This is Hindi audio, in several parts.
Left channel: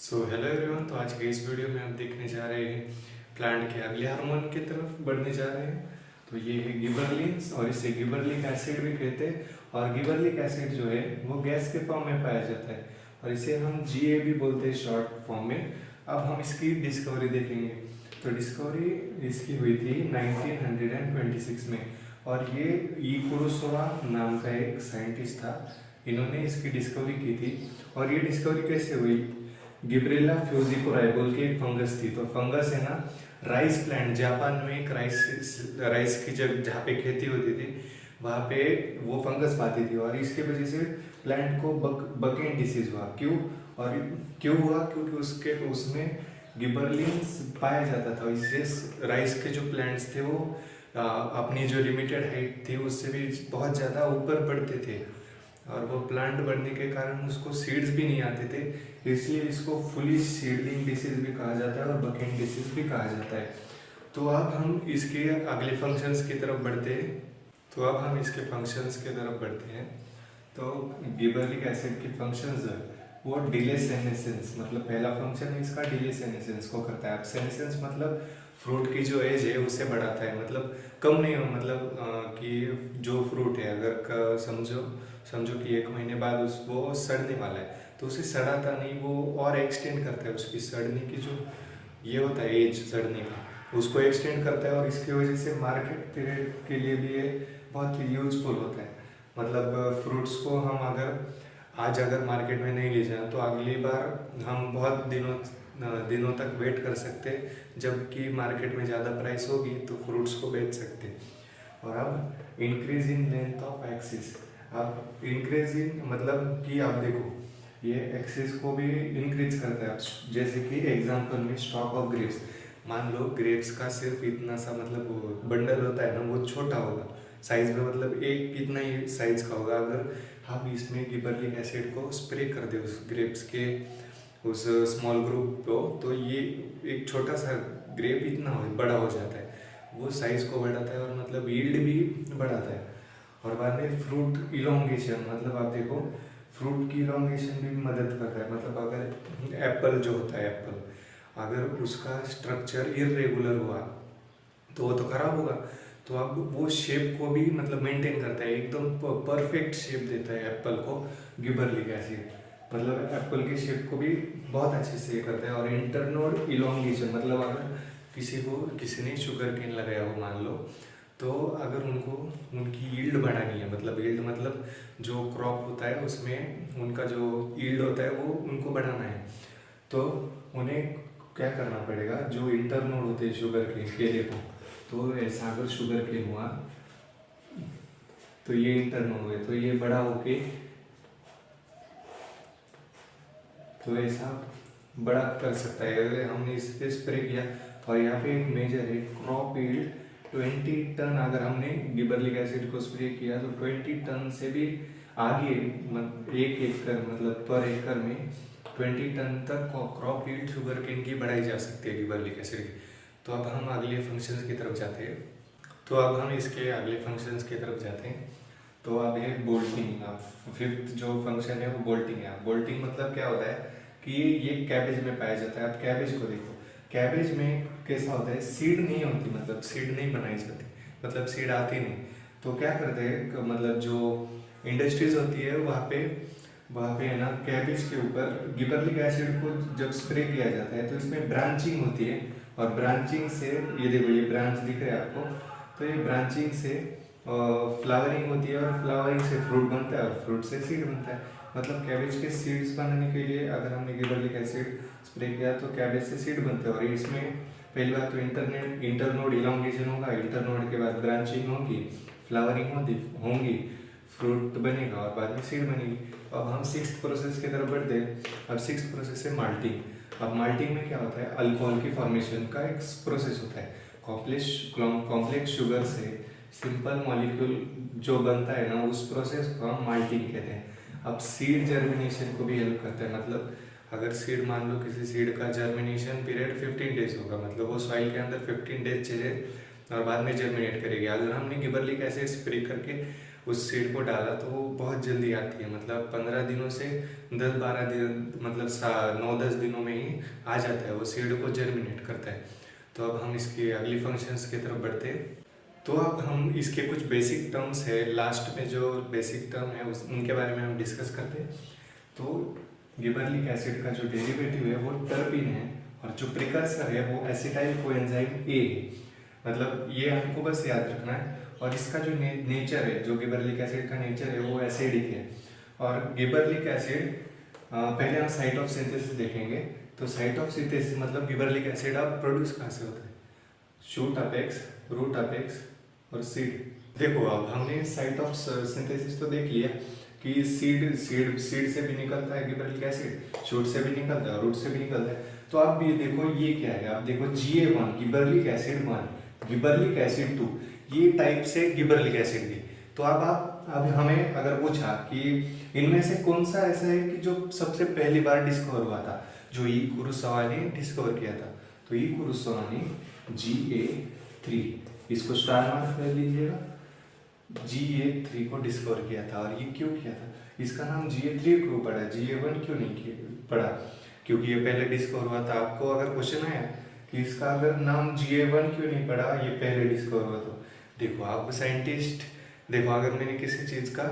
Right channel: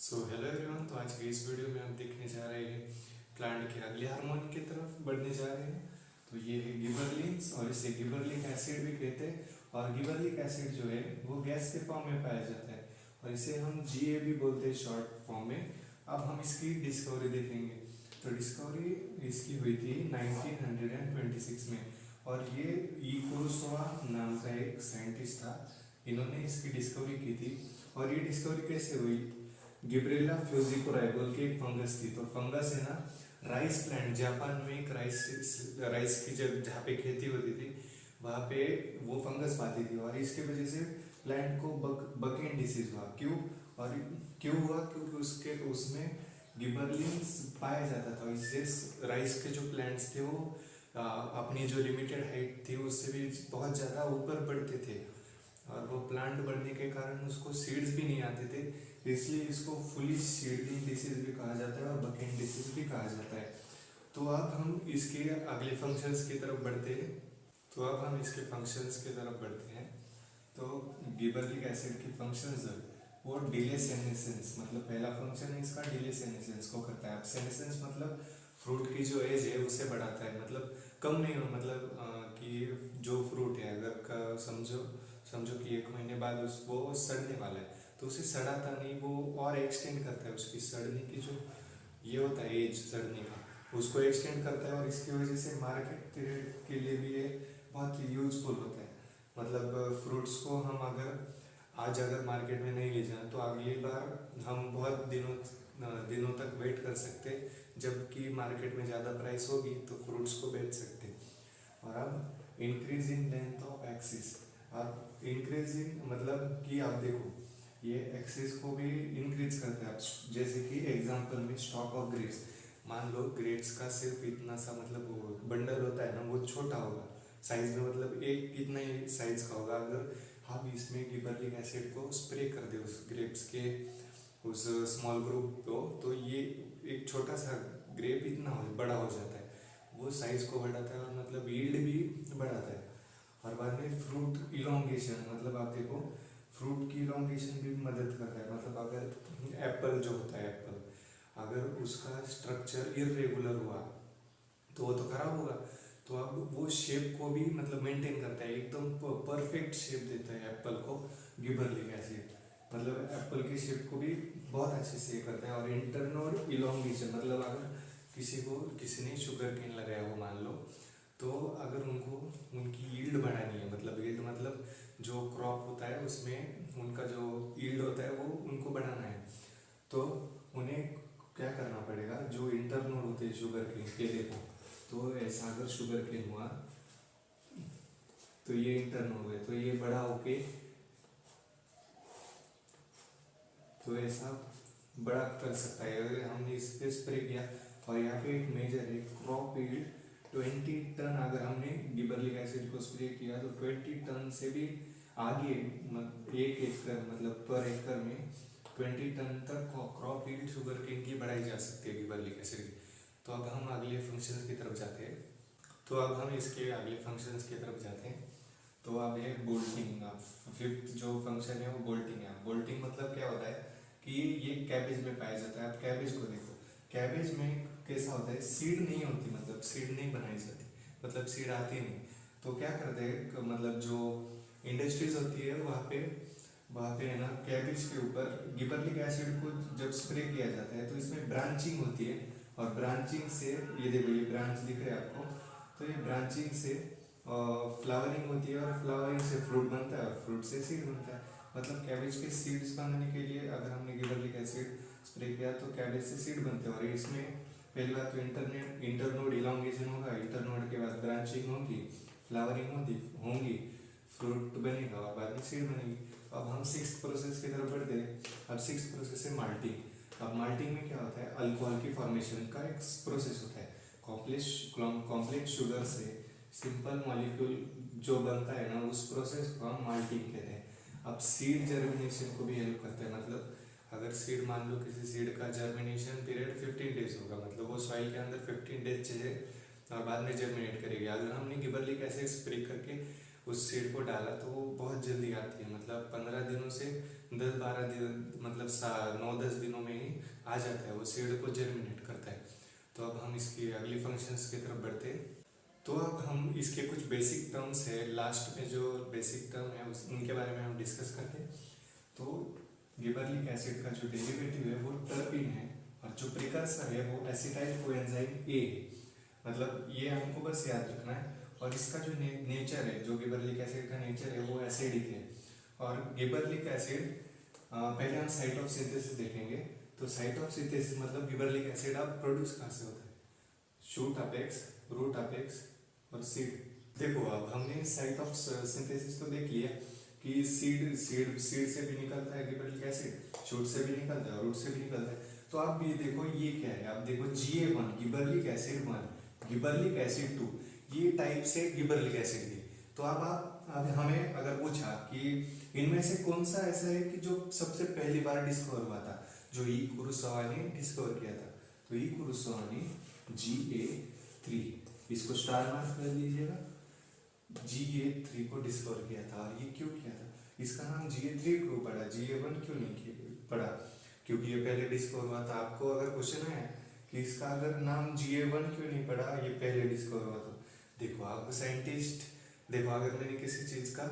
Hello everyone. तो आज के इस वीडियो में हम देखने जा रहे हैं प्लांट के अगले हार्मोन की तरफ बढ़ने जा रहे हैं। तो ये है गिबरलिंस और इसे गिबरलिक एसिड भी कहते हैं। और गिबरलिक एसिड जो है वो गैस के फॉर्म में पाया जाता है और इसे हम जीए भी बोलते हैं शॉर्ट फॉर्म में। अब हम इसकी डिस्कवरी देखेंगे। तो डिस्कवरी इसकी हुई थी 1926 में और ये ई कुरोसावा नाम का एक साइंटिस्ट था। इन्होंने इसकी डिस्कवरी की थी। और ये डिस्कवरी कैसे हुई? गिब्रेला फ्यूजिकोराई बोल के एक फंगस थी। तो फंगस है ना, राइस प्लांट, जापान में एक राइस की जगह जहाँ पे खेती होती थी वहाँ पे वो फंगस पाती थी और इसके वजह से प्लांट को बकेन डिसीज हुआ। क्यों? और क्यों हुआ? क्योंकि उसके उसमें गिबरलिंस पाया जाता था। इससे राइस के जो प्लांट्स थे वो अपनी जो लिमिटेड हाइट थी उससे भी बहुत ज़्यादा ऊपर बढ़ते थे और वो प्लांट बढ़ने के कारण उसको सीड्स भी नहीं आते थे। इसलिए इसको फुली सीडलिंग डिसीज भी कहा जाता है और बकेन डिसीज भी कहा जाता है। तो अब हम इसके अगले फंक्शंस की तरफ बढ़ते हैं। तो गिबरलिक एसिड के फंक्शंस है वो डिले सेनेसेंस, मतलब पहला फंक्शन है इसका डिले सेनेसेंस को करता है। अब सेनेसेंस मतलब फ्रूट की जो एज है उसे बढ़ाता है, मतलब कम नहीं हो, मतलब कि जो फ्रूट है अगर समझो समझो कि 1 महीने बाद वो सड़ने वाला है तो उसे सड़ाता नहीं, वो और एक्सटेंड करता है उसकी सड़ने की जो ये होता है एज सड़ने का, उसको एक्सटेंड करता है। और इसकी वजह से मार्केट पीरियड के लिए भी ये बहुत यूजफुल होता है। मतलब फ्रूट्स को हम अगर मार्केट में नहीं ले जाएं तो अगली बार हम बहुत दिनों तक वेट कर सकते हैं, जबकि मार्केट में ज़्यादा प्राइस होगी तो फ्रूट्स को बेच सकते हैं। और अब increase in length of axis. अब इंक्रीज इन मतलब कि आप देखो ये एक्सिस को भी इंक्रीज करता है। जैसे कि एग्जांपल में स्टॉक ऑफ ग्रेप्स, मान लो ग्रेप्स का सिर्फ इतना सा मतलब बंडल होता है ना, वो छोटा होगा साइज में, मतलब एक इतना ही साइज का होगा। अगर हम इसमें गिबरलिक एसिड को स्प्रे कर दे उस ग्रेप्स के उस स्मॉल ग्रुप को, तो ये एक छोटा सा ग्रेप इतना बड़ा हो जाता है, वो साइज को बढ़ाता है और मतलब यील्ड भी बढ़ाता है। और बाद में फ्रूट इलोंगेशन, मतलब आप देखो फ्रूट की इलोंगेशन भी मदद करता है। मतलब अगर एप्पल जो होता है एप्पल, अगर उसका स्ट्रक्चर इरेगुलर हुआ तो वो तो खराब होगा। तो अब वो शेप को भी मतलब मेंटेन करता है, एकदम परफेक्ट शेप देता है एप्पल को गिबरलिक एसिड। मतलब एप्पल के शेप को भी बहुत अच्छे से करता है। और इंटरनोड इलोंगेशन, मतलब अगर किसी ने शुगर केन लगाया हो मान लो, तो अगर उनको उनकी यील्ड बढ़ानी है, मतलब यील्ड मतलब जो क्रॉप होता है उसमें उनका जो यील्ड होता है वो उनको बढ़ाना है, तो उन्हें क्या करना पड़ेगा? जो इंटरनोड होते हैं शुगर केन केले को, तो ऐसा अगर शुगर केन हुआ तो ये इंटरनोड हुए तो ये बड़ा होके तो ऐसा बड़ा कर सकता है अगर हमने इस पे स्प्रे किया। और यहाँ पे एक मेजर है क्रॉप यील्ड 20 टन। अगर हमने गिबरलिक एसिड को स्प्रे किया तो 20 टन से भी आगे, एक एकड़ मतलब पर एकड़ में 20 टन तक क्रॉप यील्ड शुगर केन की बढ़ाई जा सकती है गिबरलिक एसिड की। तो अब हम अगले फंक्शन की तरफ जाते हैं। तो अब हम इसके अगले फंक्शंस की तरफ जाते हैं। तो अब ये बोल्टिंग, अब फिफ्थ जो फंक्शन है वो बोल्टिंग है। बोल्टिंग मतलब क्या होता है कि ये कैबेज में पाया जाता है। अब कैबेज को देखो, कैबेज में कैसा होता है, सीड नहीं होती, मतलब सीड नहीं बनाई जाती, मतलब सीड आती नहीं। तो क्या करते हैं, मतलब जो इंडस्ट्रीज होती है वहाँ पे है ना, कैबेज के ऊपर गिबरलिक एसिड को जब स्प्रे किया जाता है तो इसमें ब्रांचिंग होती है। और ब्रांचिंग से ये देखो ये ब्रांच दिख रहा है आपको, तो ये ब्रांचिंग से फ्लावरिंग होती है और फ्लावरिंग से फ्रूट बनता है और फ्रूट से सीड बनता है। मतलब कैबेज के सीड्स बनाने के लिए अगर हमने गिबरलिक एसिड स्प्रे किया तो कैबेज से सीड बनते हैं। और इसमें पहली बात तो इंटरनोड इलोंगेशन होगा, इंटरनोड के बाद ब्रांचिंग होगी, फ्लावरिंग होंगी, फ्रूट बनेगा और बाद में सीड बनेगी। अब हम सिक्स्थ प्रोसेस की तरफ बढ़ते हैं। अब सिक्स्थ प्रोसेस है माल्टिंग। अब माल्टिंग में क्या होता है, अल्कोहल की फॉर्मेशन का एक प्रोसेस होता है। कॉम्प्लेक्स शुगर से सिंपल मॉलिक्यूल जो बनता है ना, उस प्रोसेस को हम माल्टिंग कहते हैं। अब सीड जर्मिनेशन को भी हेल्प करता है। मतलब अगर सीड मान लो किसी सीड का जर्मिनेशन पीरियड 15 डेज होगा, मतलब वो सॉइल के अंदर 15 डेज चाहिए और बाद में जर्मिनेट करेगी। अगर हमने गिबरलिक एसिड स्प्रे करके उस सीड को डाला तो वो बहुत जल्दी आती है, मतलब 15 दिनों से 10-12 दिन, मतलब 9-10 दिनों में ही आ जाता है, वो सीड को जर्मिनेट करता है। तो अब हम इसके अगली फंक्शंस की तरफ बढ़ते हैं। तो अब हम इसके कुछ बेसिक टर्म्स है, लास्ट में जो बेसिक टर्म है उनके बारे में हम डिस्कस करते हैं। तो गिबरलिक एसिड का जो डेरिवेटिव है वो टर्पीन है, और जो प्रिकर्सर है वो एसिटाइल कोएंजाइम ए है। मतलब ये हमको बस याद रखना है। और इसका जो नेचर है, जो गिबरलिक एसिड का नेचर है वो एसिडिक है। और गिबरलिक एसिड, पहले हम साइट ऑफ सिंथेसिस देखेंगे। तो साइट ऑफ सिंथेसिस मतलब गिबरलिक एसिड अब प्रोड्यूस कहाँ से होता है? शूट अपेक्स, रूट अपेक्स और सीड। देखो अब हमने साइट ऑफ सिंथेसिस तो देख लिया कि सीड सीड सीड से भी निकलता है गिबरलिक एसिड, शूट से भी निकलता है, रूट से भी निकलता है। तो आप ये देखो ये क्या है, आप देखो Ga1 gibberellic acid 1, gibberellic acid 2, ये टाइप से गिबरलिक एसिड थी। तो अब हमें अगर पूछा कि इनमें से कौन सा ऐसा है कि जो सबसे पहली बार डिस्कवर हुआ था, जो ई कुरोसावा ने डिस्कवर किया था, तो ई कुरोसावा ने Ga3, इसको स्टार मार्क कर लीजिएगा, Ga3 को डिस्कवर किया था। और ये क्यों किया था? इसका नाम Ga3 क्यों पड़ा, Ga1 क्यों नहीं पड़ा? क्योंकि ये पहले डिस्कवर हुआ था। आपको अगर क्वेश्चन है कि इसका अगर नाम Ga1 क्यों नहीं पड़ा, ये पहले डिस्कवर हुआ, तो देखो आप साइंटिस्ट, देखो अगर मैंने किसी चीज़ का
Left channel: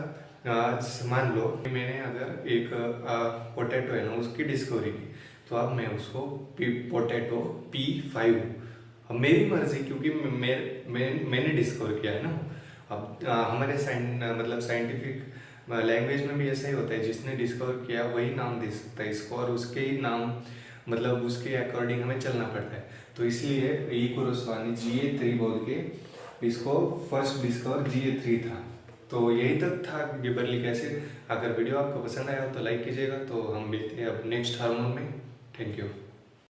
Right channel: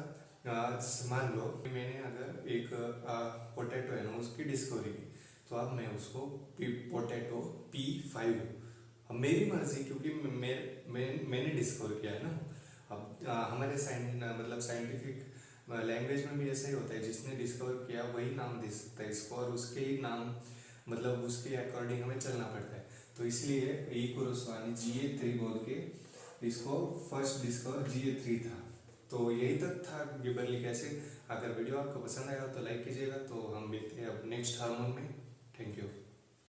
मान लो कि मैंने अगर एक पोटैटो है ना उसकी डिस्कवरी की, तो अब मैं उसको पोटैटो P5, अब मेरी मर्जी, क्योंकि मैंने डिस्कवर किया है ना। अब हमारे मतलब साइंटिफिक लैंग्वेज में भी ऐसा ही होता है, जिसने डिस्कवर किया वही नाम दे सकता है इसको, और उसके ही नाम मतलब उसके अकॉर्डिंग हमें चलना पड़ता है। तो इसलिए ई कुरोसावा ने Ga3 बोल के इसको फर्स्ट डिस्कवर Ga3 था। तो यही तक था गिबरलिक एसिड। अगर वीडियो आपको पसंद आया हो तो लाइक कीजिएगा। तो हम मिलते हैं अब नेक्स्ट हार्मोन में।